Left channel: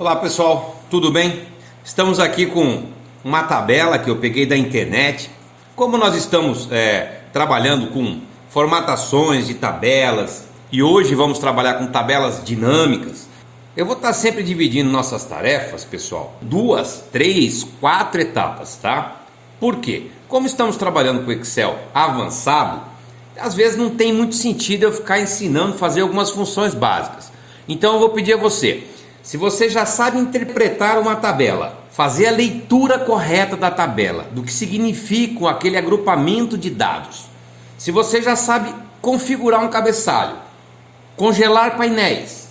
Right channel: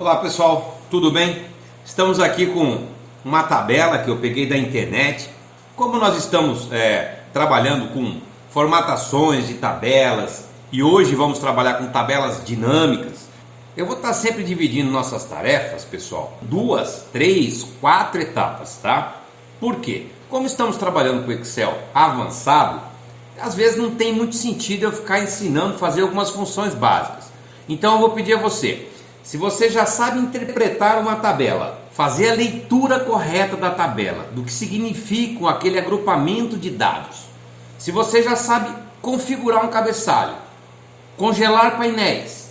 Olá pessoal, tudo bem? Estamos aqui com uma tabela que eu peguei da internet. Como nós estamos trabalhando com formatações de tabelas e hoje vamos trabalhar com tabelas dinâmicas, eu vou estar sempre dividindo nossas tarefas, pessoal, 2, 3, 4 etapas, tá? Por quê? Como estamos trabalhando com Excel avançado, às vezes não tem muito sentido eu ficar ensinando a fazer algumas funções básicas. Então eu vou pedir a você, se você já sabe interpretar uma tabela, fazer a leitura correta da tabela, do que significa aquele agrupamento de dados, se você já sabe configurar um cabeçalho, congelar painéis,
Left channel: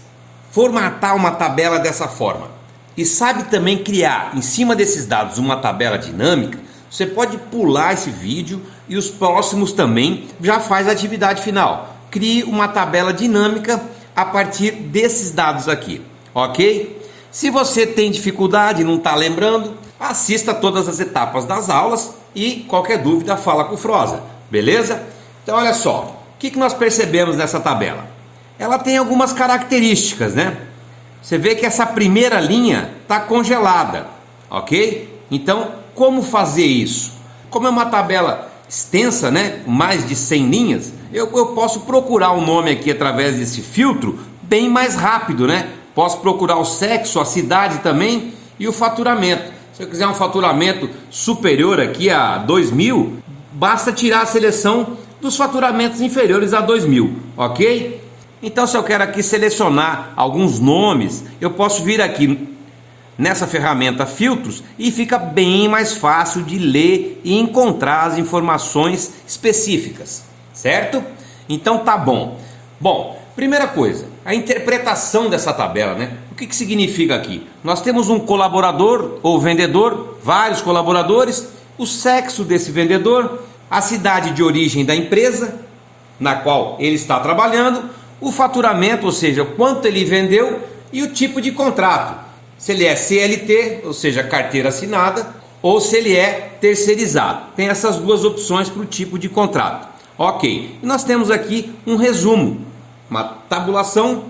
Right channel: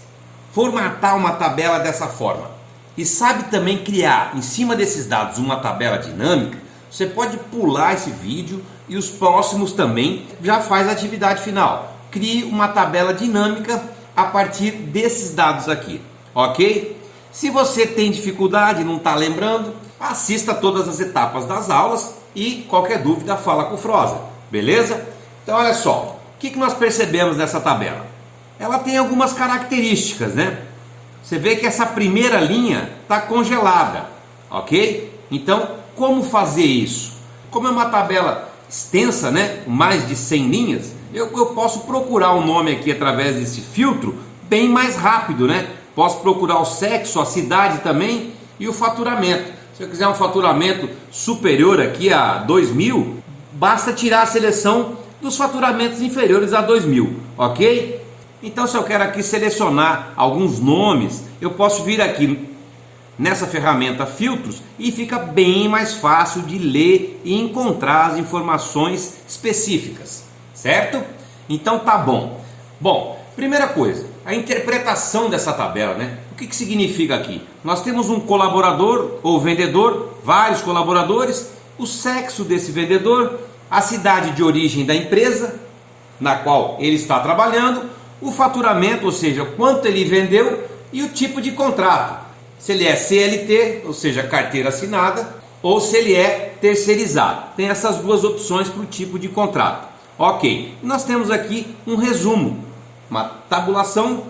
formatar uma tabela dessa forma e sabe também criar em cima desses dados uma tabela dinâmica, você pode pular esse vídeo e os próximos também já faz a atividade final. Crie uma tabela dinâmica a partir desses dados aqui. Ok? Se você tem dificuldade e não está lembrando, assista todas as etapas das aulas e qualquer dúvida fala com o Froza, beleza? Então olha só, o que nós percebemos nessa tabela? Ela tem algumas características, né? Você vê que essa primeira linha está congelada, ok? Então como fazer isso? Como é uma tabela extensa, né? Mais de 100 linhas, eu posso procurar o nome aqui através desse filtro bem mais rápido, né? Posso procurar o sexo, a cidade também e o faturamento. Se eu quiser um faturamento superior aqui a 2.000, basta tirar a seleção dos faturamentos inferiores a 2.000, ok? Então se eu quero aqui selecionar alguns nomes, eu posso vir aqui nessa ferramenta filtros e fica bem mais fácil de ler e encontrar as informações específicas, certo? Então tá bom. Bom, primeira coisa, a interpretação dessa tabela, né? O que significa aqui? Nós temos um colaborador ou vendedor, vários colaboradores, o sexo desse vendedor, a cidade de origem da empresa na qual ele está trabalhando, o faturamento, ou seja, quanto ele vendeu e o tipo de contrato. Se ele é CLT, ou seja, carteira assinada, ou se ele é terceirizado. Tem essas duas opções para o tipo de contrato. Ok, e nós temos aqui um resumo, uma tabulação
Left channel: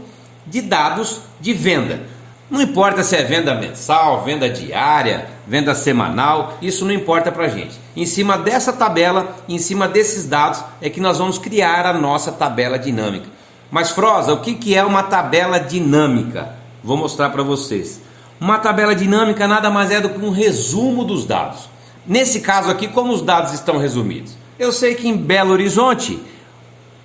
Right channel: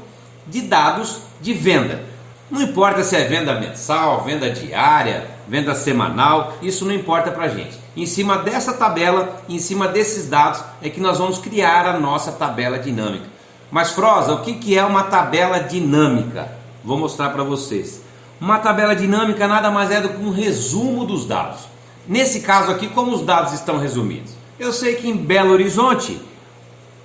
de dados de venda. Não importa se é venda mensal, venda diária, venda semanal, isso não importa para a gente. Em cima dessa tabela, em cima desses dados, é que nós vamos criar a nossa tabela dinâmica. Mas Froza, o que é uma tabela dinâmica? Vou mostrar para vocês. Uma tabela dinâmica nada mais é do que um resumo dos dados. Nesse caso aqui, como os dados estão resumidos? Eu sei que em Belo Horizonte,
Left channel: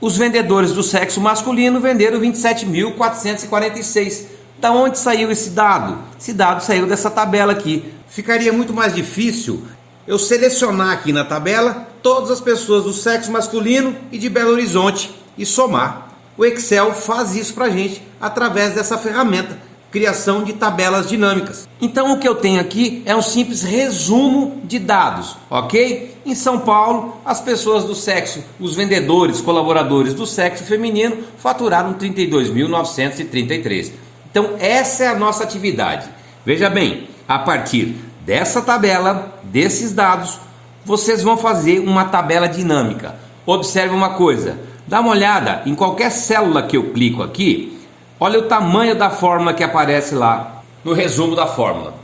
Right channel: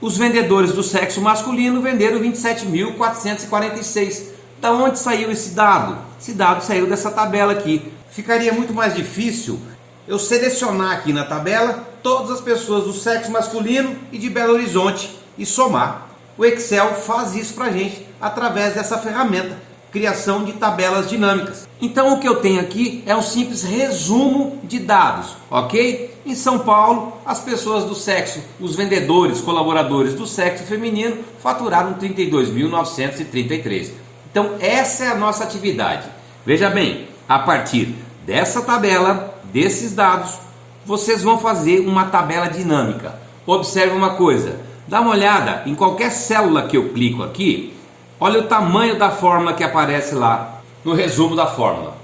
os vendedores do sexo masculino venderam 27.446. Da onde saiu esse dado? Esse dado saiu dessa tabela aqui. Ficaria muito mais difícil eu selecionar aqui na tabela todas as pessoas do sexo masculino e de Belo Horizonte e somar. O Excel faz isso para a gente através dessa ferramenta, criação de tabelas dinâmicas. Então o que eu tenho aqui é um simples resumo de dados, ok? Em São Paulo, as pessoas do sexo, os vendedores, colaboradores do sexo feminino faturaram 32.933. Então essa é a nossa atividade. Veja bem, a partir dessa tabela, desses dados, vocês vão fazer uma tabela dinâmica. Observe uma coisa, dá uma olhada em qualquer célula que eu clico aqui. Olha o tamanho da fórmula que aparece lá no resumo da fórmula.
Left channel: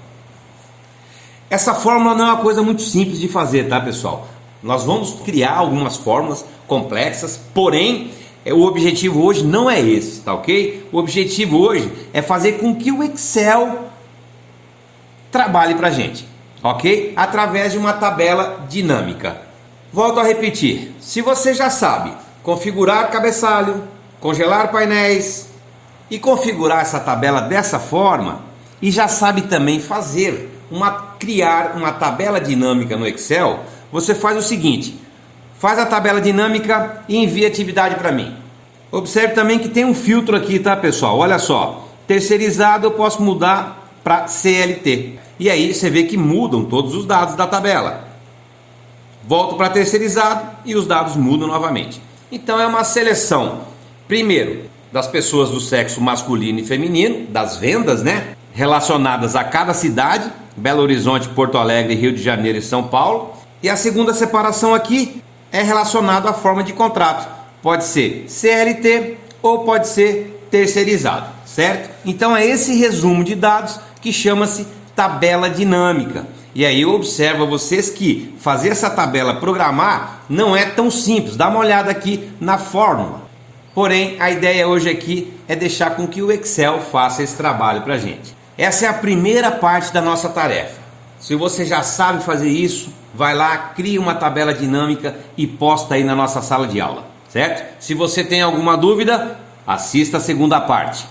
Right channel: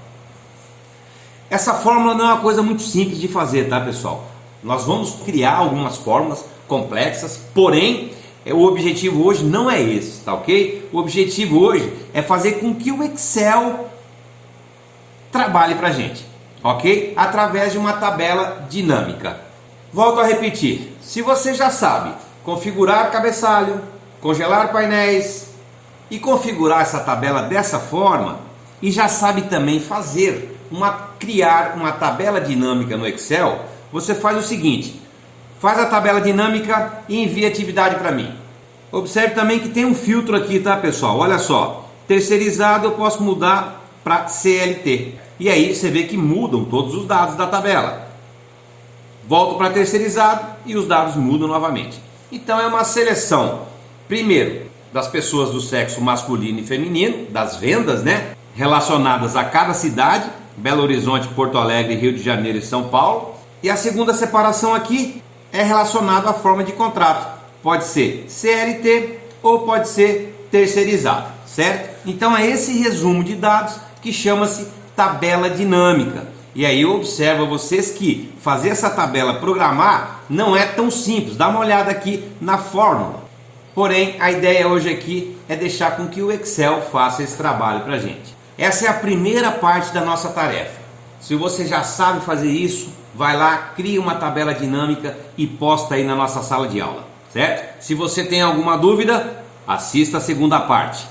Essa fórmula não é uma coisa muito simples de fazer, tá pessoal? Nós vamos criar algumas fórmulas complexas, porém o objetivo hoje não é esse, tá ok? O objetivo hoje é fazer com que o Excel trabalhe pra gente, ok? Através de uma tabela dinâmica. Volto a repetir, se você já sabe configurar cabeçalho, congelar painéis e configurar essa tabela dessa forma e já sabe também criar uma tabela dinâmica no Excel, você faz o seguinte, faz a tabela dinâmica e envia a atividade para mim. Observe também que tem um filtro aqui, tá pessoal? Olha só, terceirizado eu posso mudar para CLT e aí você vê que mudam todos os dados da tabela. Volto para terceirizado e os dados mudam novamente. Então é uma seleção, primeiro, das pessoas do sexo masculino e feminino, das vendas, né? Relacionadas a cada cidade, Belo Horizonte, Porto Alegre, Rio de Janeiro e São Paulo. E a segunda separação aqui é relacionada à forma de contrato. Pode ser CLT ou pode ser terceirizado, certo? Então é esse resumo de dados que chama-se tabela dinâmica. E aí eu observo a vocês que fazer essa tabela, programar, não é tão simples. Dá uma olhada aqui na fórmula. Porém, a ideia hoje aqui é deixar com que o Excel faça esse trabalho para a gente. Essa é a primeira parte da nossa tarefa. Se você já sabe fazer isso, vai lá, cria uma tabela dinâmica e posta aí na nossa sala de aula, certo? Se você tem alguma dúvida, assista a segunda parte.